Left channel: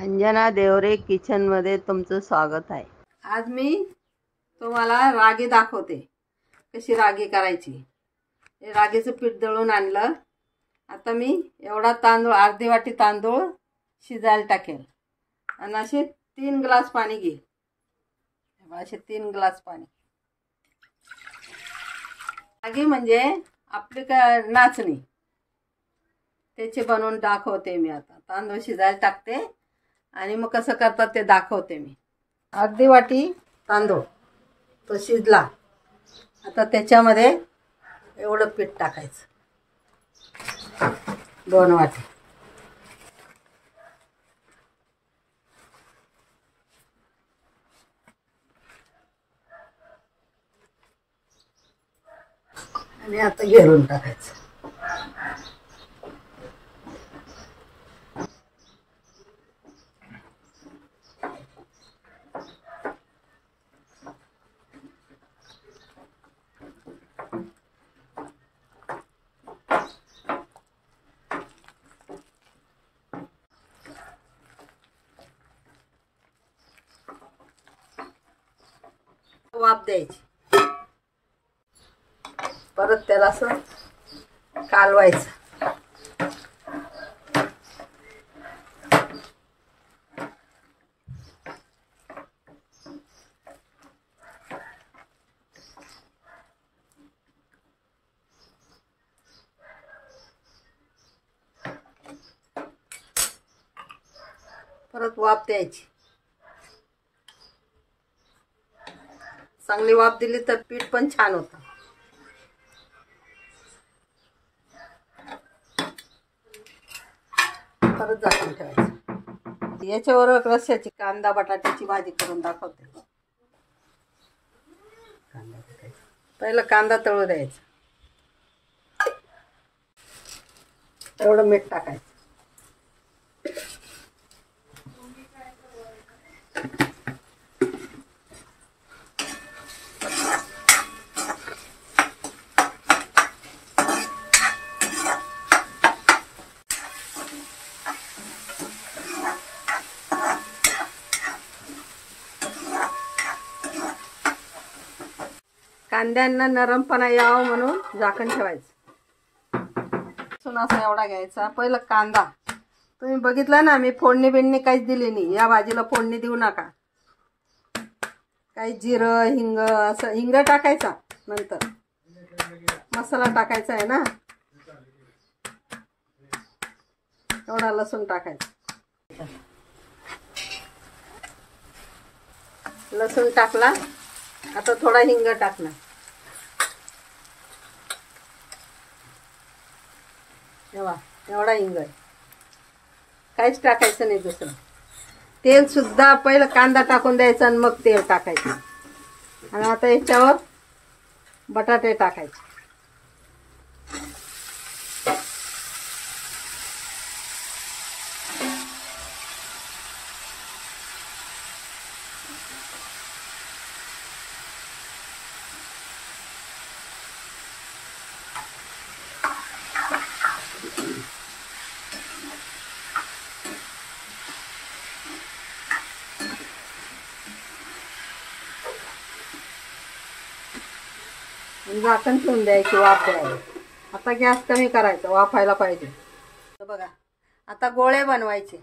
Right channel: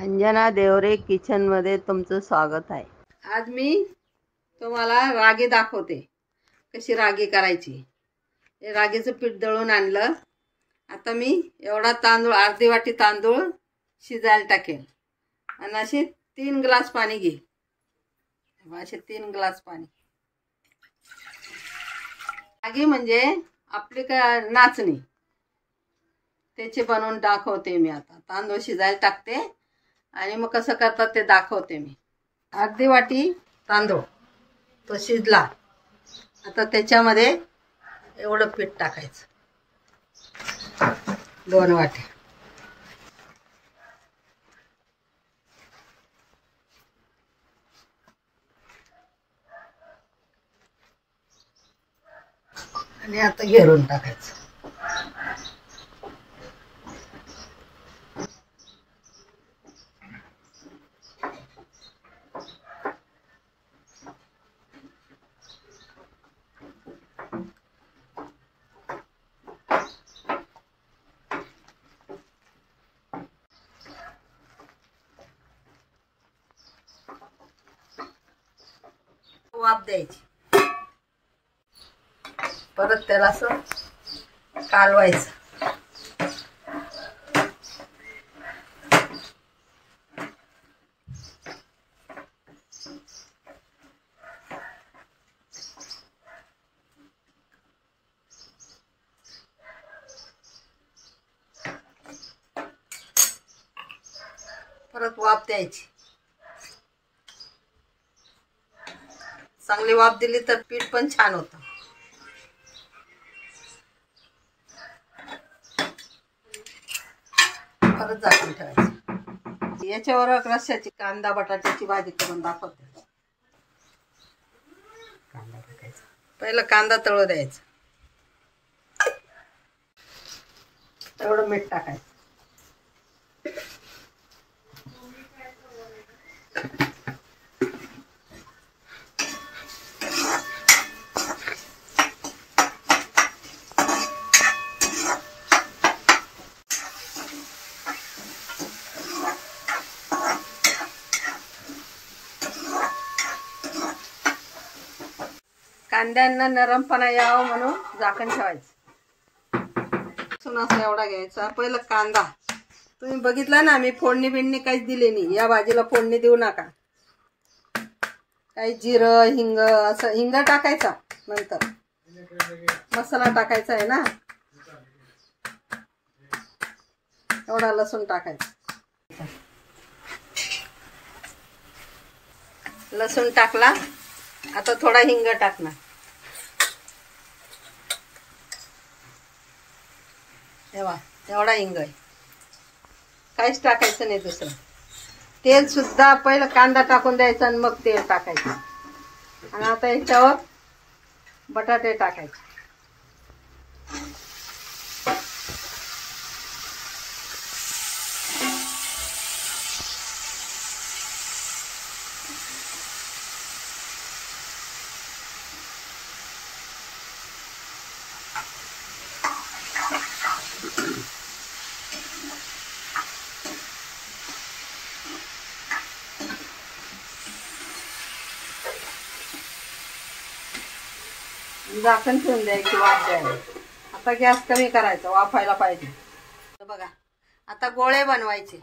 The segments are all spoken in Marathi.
अंजना देवरे किचन मध्ये तुमचं स्वागत आहे। आज मी तुम्हाला रागी दाखवते, कशी रागी करायची। हे रागीचं पीठ दळून आणलं। आता मी एवढा तांदूळ, अर्धी वाटी तांदूळ शिजायला टाकेल आणि असे 3 ग्लास पाणी घे। असे 3 ग्लास पाणी। रागी म्हणजे आपली नाचणी, त्याचे बनवून दाखवते मी। आता तांदूळ शिजायला टाकते आणि मग कसं करतात ते दाखवते मी। अर्धी वाटी तांदूळ तो शिजला। आता त्याच्यामध्ये एवढं पीठ टाकायचं, 2 वाटी। आणि आता घेरून टाकायचं। वाफ द्यायची, परत त्याला असं कालवायचं। परत वाफ द्यायची। चांगली वाफ दिली तर पीठ पण छान होतं। परत झाकून ठेवायचं। याच्यावर रस्स्याची कांदा बटाट्याची भाजी करून दाखवते। कांदा टाकायचा, पहिला कांदा तळू द्यायचा, एवढं मीठ टाकायचं। कांद्यांना नरमपणा यावं म्हणून झाकण ठेवायचं। लसूण असा एवढा घ्यायचा। पहिला कांदा, तुम्ही बघितलं ना, मी फोडणी बिडणी काहीच दिली नाही। या भाजीला फोडणी देऊ नका। काही जिरं, हिंग, असं हिंग टाकायचा, नंतर मसाला टाकायचा आहे ना। एवढा लसूण टाकायचा। लसूण टाकला, आता थोडा हिंग टाकणार। एवढा हिंग आहे, काहीच टाकायचं नाही दुसरं। तेल सुद्धा पहिलं कांदा टाकून द्यायचा आणि मग तेल टाकायचं। आणि आता याच्यावर बटाटे टाकायचे। झाकण ठेवून द्यायची, वाफ द्यायला। आता गॅस कमी करायचा, वाफायला पाहिजे। बघा, आता गोळे बनवायचे।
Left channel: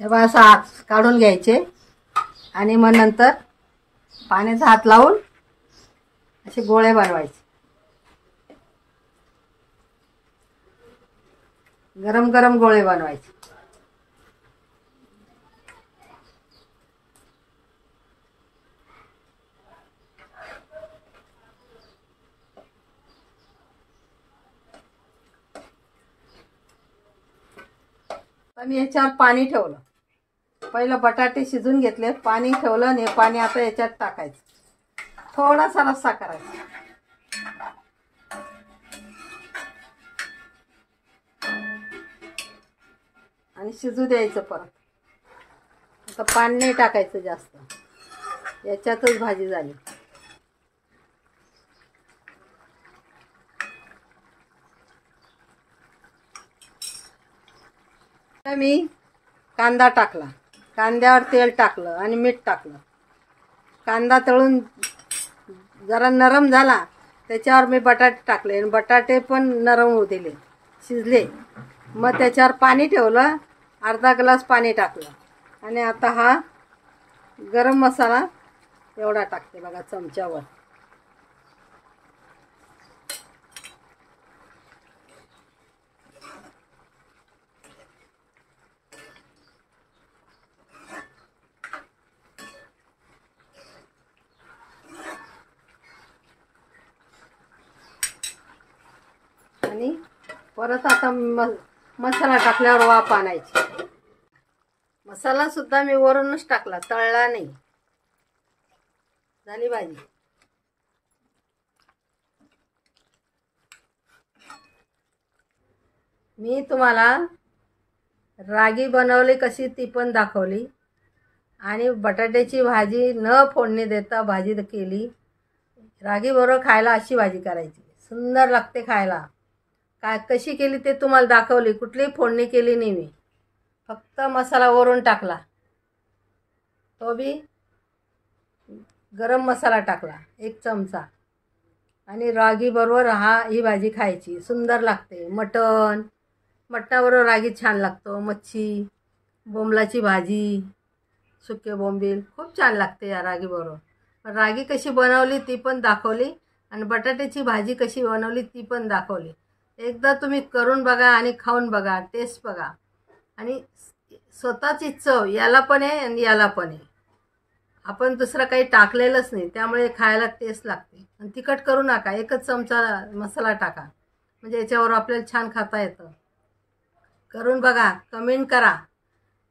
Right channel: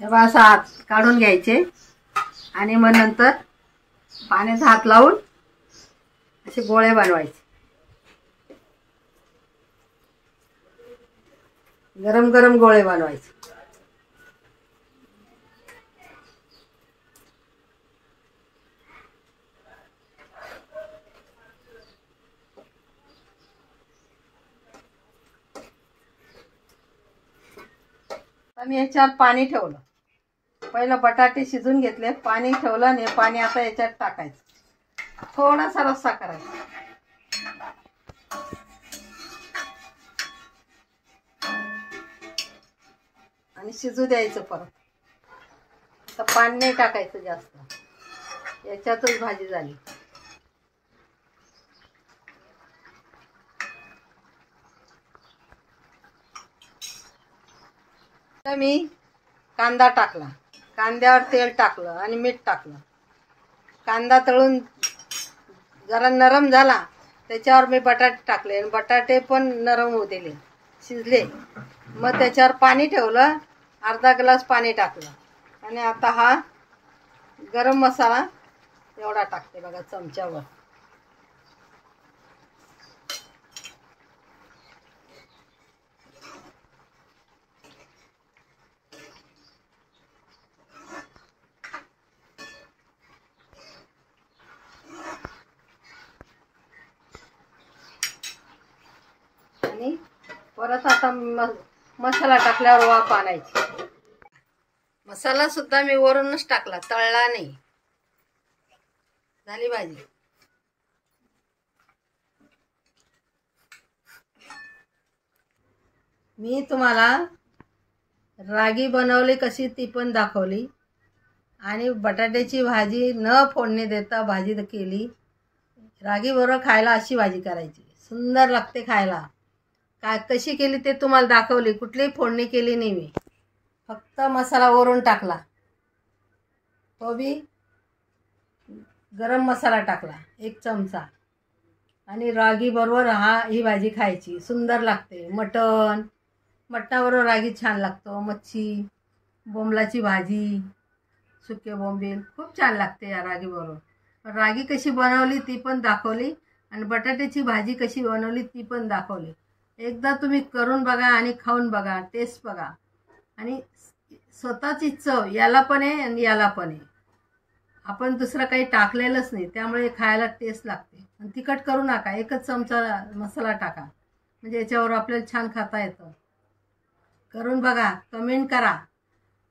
तेव्हा असा हात काढून घ्यायचे आणि मग नंतर पाण्याचा हात लावून असे गोळे बनवायचे। गरम गरम गोळे बनवायचे। मी याच्यावर पाणी ठेवलं। पहिलं बटाटे शिजून घेतले, पाणी ठेवलं आणि पाणी आता याच्यात टाकायचं। थोडासा रस्सा करायचा। आणि शिजू द्यायचं परत. आता पाणी नाही टाकायचं जास्त, याच्यातच भाजी झाली. आता मी कांदा टाकला, कांद्यावर तेल टाकलं आणि मीठ टाकलं. कांदा तळून जरा नरम झाला, त्याच्यावर मी बटाटे टाकले आणि बटाटे पण नरम होऊ दिले, शिजले. मग त्याच्यावर पाणी ठेवलं, अर्धा ग्लास पाणी टाकलं. आणि आता हा गरम मसाला एवढा टाकते बघा चमच्यावर. आणि परत आता मसाला टाकल्यावर वाफ आणायची. मसाला सुद्धा मी वरूनच टाकला, तळला नाही. झाली भाजी. मी तुम्हाला रागी बनवली कशी ती पण दाखवली, आणि बटाट्याची भाजी न फोडणी देता भाजी केली. रागी बरोबर खायला अशी भाजी करायची, सुंदर लागते खायला. काय कशी केली ते तुम्हाला दाखवली, कुठलीही फोडणी केली नाही मी, फक्त मसाला वरून टाकला. तो बी गरम मसाला टाकला 1 चमचा. आणि रागी बरोबर ही भाजी खायची, सुंदर लागते. मटणाबरोबर रागी छान लागतो. मच्छी, बोंबलाची भाजी, सुके बोंबील खूप छान लागते या रागी बरोबर. रागी कशी बनवली ती पण दाखवली, आणि बटाट्याची भाजी कशी बनवली ती पण दाखवली. एकदा तुम्ही करून बघा आणि खाऊन बघा, टेस्ट बघा. आणि स्वतःची चव याला पण आहे आणि याला पण आहे. आपण दुसरं काही टाकलेलंच नाही, त्यामुळे खायला टेस्ट लागते. आणि तिखट करू नका, 1च चमचा मसाला टाका, म्हणजे याच्यावर आपल्याला छान खाता येतं. करून बघा, कमेंट करा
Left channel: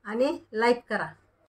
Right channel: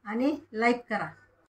आणि लाईक करा.